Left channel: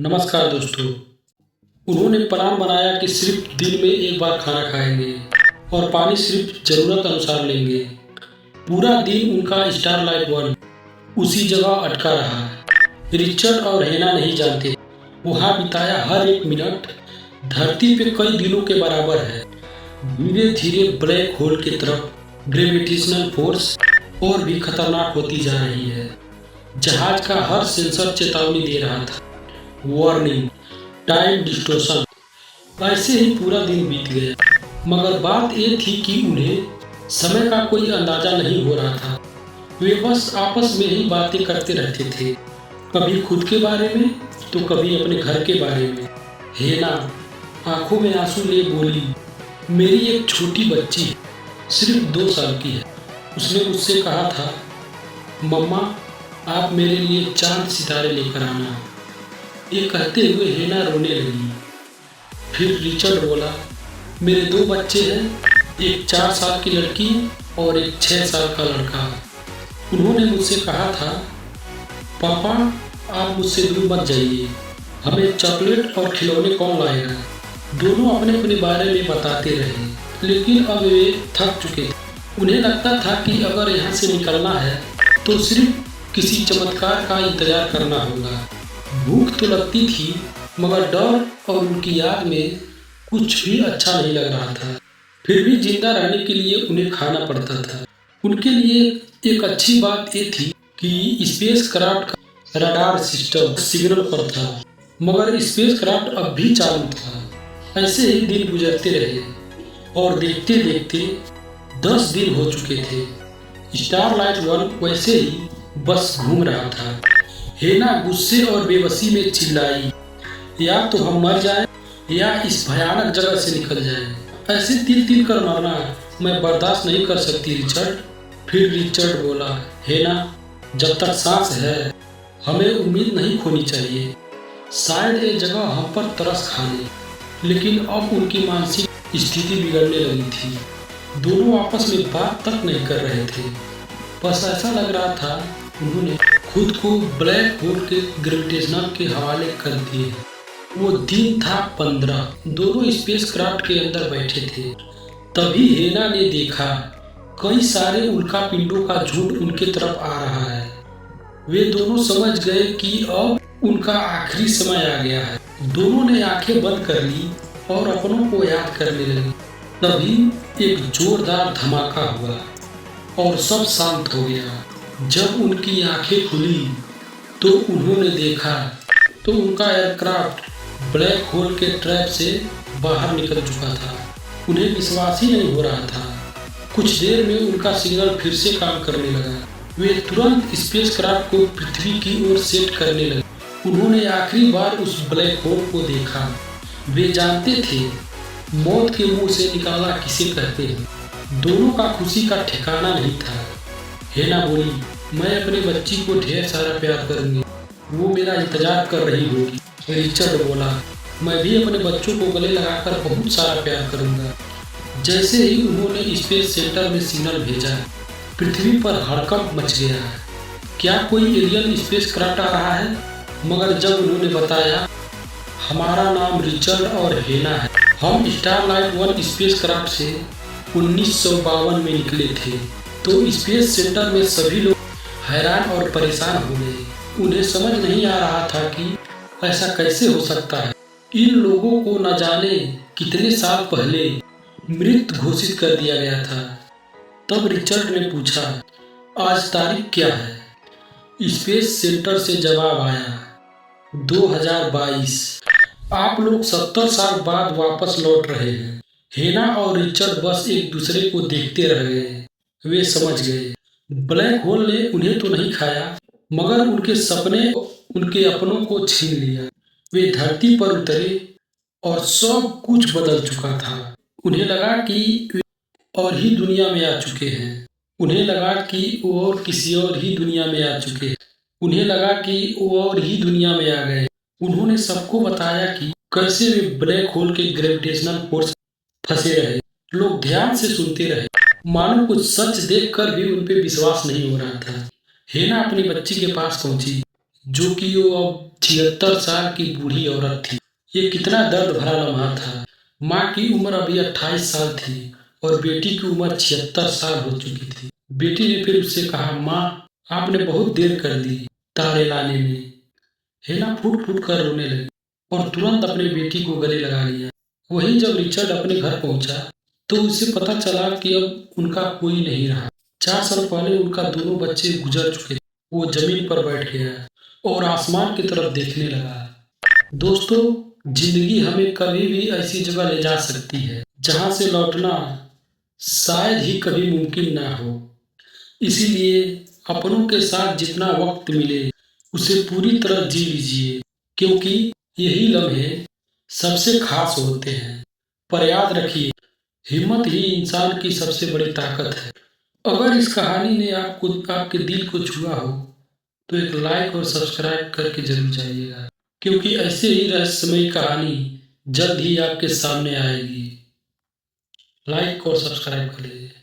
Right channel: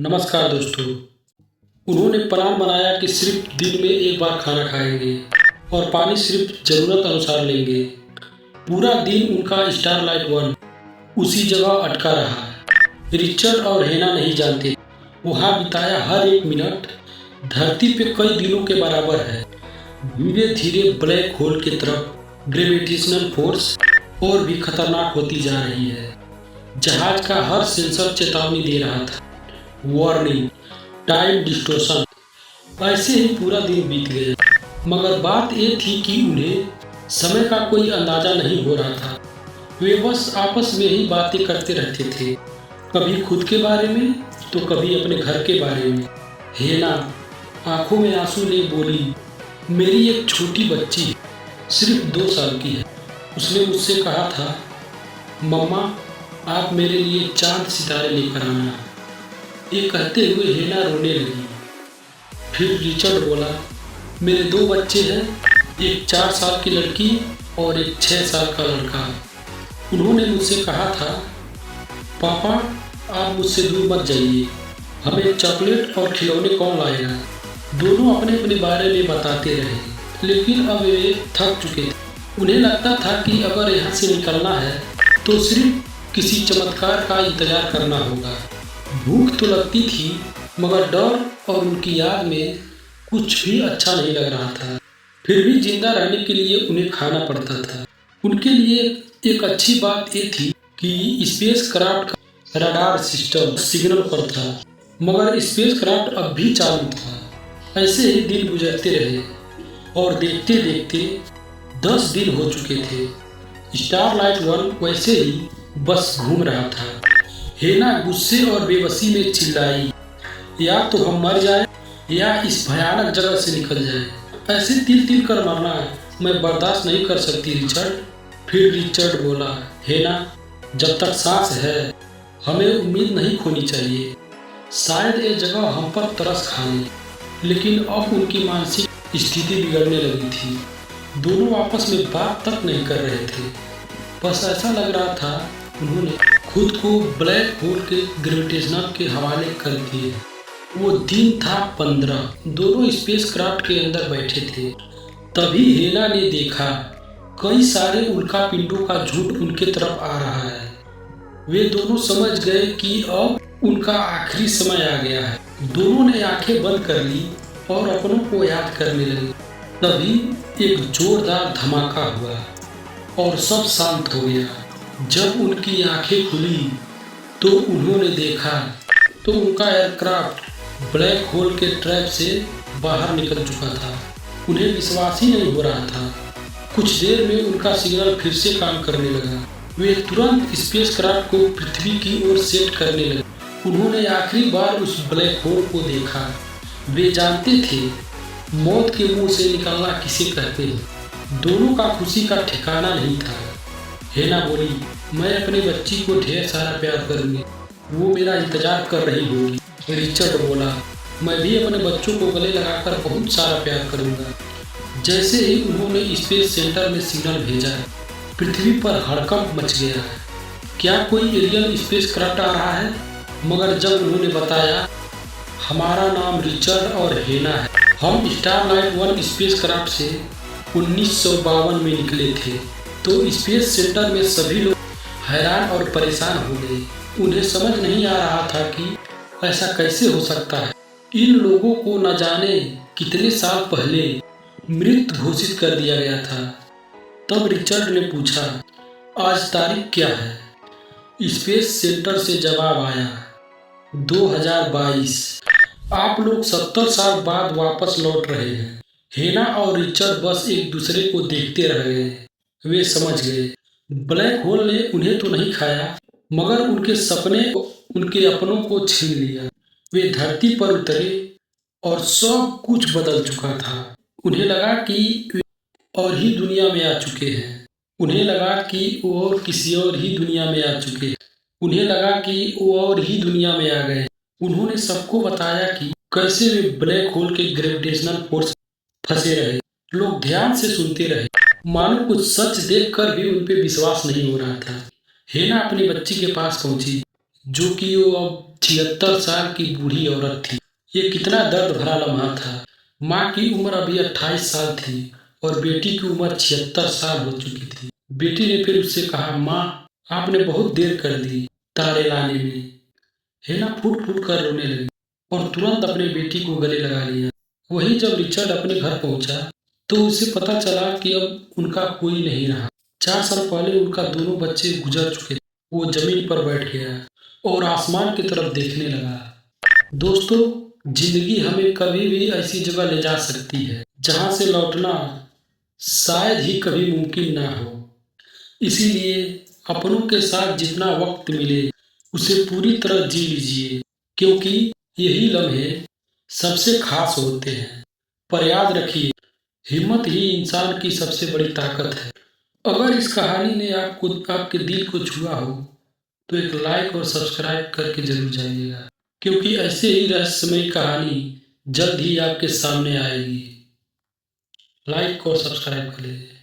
नमस्कार दोस्तों। उन्होंने प्लान बनाया कि सिर्फ दिन में एक बार खाना खाएंगे और पानी सिर्फ ज़रूरत अनुसार लेंगे। पूरा दिन उनका स्टारलाइट वन उसी जगह अटका रहा। रिचर्ड और हेना नहीं जानते वहाँ बिताया हर एक मिनट धरती पे कई दिनों के बराबर है। धीरे धीरे ब्लैक होल की तरफ ग्रेविटेशनल फोर्स और भी खतरनाक होती जा रही है। जहाज का हर सेंसर चेतावनी दे रहा था, वार्निंग, टाइम डिस्टोर्शन। ऐसे ही पूरा दिन बीत गया, मगर बात ये थी कि उन्हें समय का कोई अंदाजा नहीं हो रहा था। वे बस आपस में ही बातें करते रहते थे, कभी खुद के बारे में तो कभी अपने घर के बारे में। हेना आंखों में आंसू ले बोली, मेरी एक छोटी बच्ची है, सिर्फ 2 साल की है। उसने मुझसे कहा था, मम्मा आप मेरे लिए चांद सितारे लेकर आना। ये कहते हुए हेना रोने लगी। फिर रिचर्ड बोला, मेरे 2 बच्चे हैं, एक 4 साल की लड़की और एक 6 साल का लड़का। उन्होंने मुझसे कहा था, पापा आप मुझसे दूर मत जाइए, हमें चॉकलेट और खिलौने कौन लाएगा। दोनों अपने अपने बारे में बताते रहे, लेकिन अब वे थक चुके थे। उन्हें लगता था कि अगर यहाँ से निकलना है तो सिर्फ किसी चमत्कार का इंतजार करना होगा। भूख तो लगती थी, मगर डर और उनकी याद में कुछ भी अच्छा नहीं लग रहा था। फिर भी जिंदा रहने के लिए उन्हें खाना पड़ता था। उनके लिए एक अच्छी बात ये थी कि स्पेस क्राफ्ट का रडार सिस्टम सिग्नल पर था, मगर स्पेस क्राफ्ट अब भी चालू था। ऐसे ही दिन गुजरते रहे और देखते देखते 10 दिन हो चुके थे। स्टारलाइट वन वैसे ही बस घूम रहा था। हेना गुस्से और बेबसी में चिल्लाई, या तो हम मर जाएं या इस भयानक जगह से निकल जाएं। ऐसे तिल तिल कर मरना मैं बर्दाश्त नहीं कर सकती रिचर्ड। फिर रिचर्ड बोला, हेना जब तक सांस है हमें उम्मीद नहीं खोनी चाहिए। शायद ये जगह हम पर तरस खा ले। लेकिन अब उनकी मानसिक स्थिति बिगड़ने लगी थी। दोनों आपस में बात तक नहीं कर रहे थे। बस ऐसा लग रहा था उन्होंने खुद को ब्लैक होल के ग्रेविटेशनल के हवाले कर दिए। वो दिन था 15। दोनों स्पेस क्राफ्ट के अंदर बैठे थे। तभी हेना ने देखा कई सारे उल्का पिंडों का झुंड उनके तरफ आ रहा है। वे दोनों समझ गए कि अब उनका आखिरी समय आ गया है। दोनों ने आंखें बंद कर ली और अपनों को याद करने लगे। तभी एक जोरदार धमाका हुआ और सब शांत हो गया। जब उनकी आंखें खुली तो उन्होंने देखा तो उनका एयरक्राफ्ट ब्लैक होल के ट्रैप से बाहर निकल चुका था। उन्हें विश्वास ही नहीं हो रहा था। कुछ देर में उनका सिग्नल फिर से काम करने लगा। वे तुरंत स्पेस क्राफ्ट को पृथ्वी की ओर सेट करने लगे। उन्होंने आखिरी बार उस ब्लैक होल को देखा। वे जानते थे मौत के मुंह से निकलना किसे कहते हैं। दोनों का खुशी का ठिकाना नहीं था। हेना बोली, मैं अपने बच्ची को ढेर सारा प्यार करूंगी, वो मेरा इंतजार कर रही होगी। रिचर्ड बोला, मैं भी अपने बच्चों को गले लगाकर बहुत सारा प्यार करूंगा। जैसे ही उन्होंने स्पेस सेंटर में सिग्नल भेजा, पृथ्वी पर हड़कंप मच गया। क्या कोई एलियन स्पेस क्राफ्ट आ रहा है? मगर जब उन्होंने बताया, हमारा नाम रिचर्ड और हेना है, हम स्टारलाइट वन स्पेस क्राफ्ट से 1952 में निकले थे, तो स्पेस सेंटर में सभी लोग हैरान और परेशान हो गए। उन्हें समझ नहीं आ रहा था कि ऐसा कैसे हो सकता है। इन लोगों को न जाने कितने साल पहले मृत घोषित कर दिया गया था। तब रिचर्ड ने पूछा, आज तारीख क्या है? स्पेस सेंटर से जवाब आया, 2022। आप लोग 70 साल बाद वापस लौट रहे हैं। हेना और रिचर्ड बस एक दूसरे को देखते रह गए। वे समझ गए ब्लैक होल ने उन्हें तो नहीं खाया, मगर उनके सपने, उनके अपनों को छीन लिया। वे धरती पर उतरे और सब कुछ बदल चुका था। उन्हें लगा कि वे और ही दुनिया में आ चुके हैं। उन्हें लगा कि वो और किसी और ही दुनिया में आ चुके हैं। उन्हें लगा कि वो और ही दुनिया में आ गए। उन्होंने सबको बताया कि कैसे वे ब्लैक होल के ग्रेविटेशनल फोर्स फंसे रहे। लोग ध्यान से सुनते रहे, मानो कुछ सच देखकर भी उन पे विश्वास नहीं हो रहा था। हेना अपनी बच्ची के पास पहुंची, जो कि वो अब 76 साल की बूढ़ी औरत थी। ये कितना दर्द भरा लम्हा था। माँ की उम्र अभी 28 साल थी और बेटी की उम्र 76 साल हो चुकी थी। बेटी ने फिर उससे कहा, माँ, आपने बहुत देर कर दी तारे लाने में। हेना फूट फूट कर रोने लगी और तुरंत अपने बेटी को गले लगा लिया। वही जब रिचर्ड अपने घर पहुंचा तो उसे पता चला कि अब उनका कोई नहीं रहा। 4 साल पहले उनका दोनों बच्चे गुजर चुके थे। वो जमीन पर बैठ गया और आसमान की तरफ देखने लगा। दोस्तों, जिंदगी हमें कभी भी ऐसी जगह ले जा सकती है जहां से लौटना शायद ही कभी मुमकिन ना हो। इसीलिए अपनों के साथ जितना वक्त मिले उसे पूरी तरह जी लीजिए, क्योंकि यही लम्हे सबसे खास होते हैं। पर याद रखिए, हिम्मत ही इंसान की सबसे बड़ी ताकत है। अगर इस कहानी ने आपके दिल को छुआ हो तो एक लाइक और सब्सक्राइब करके जरूर जाइएगा, क्योंकि ऐसे ही रहस्यमयी कहानी जल्द ही आपके सामने आएगी। लाइक और सब्सक्राइब कर लीजिए।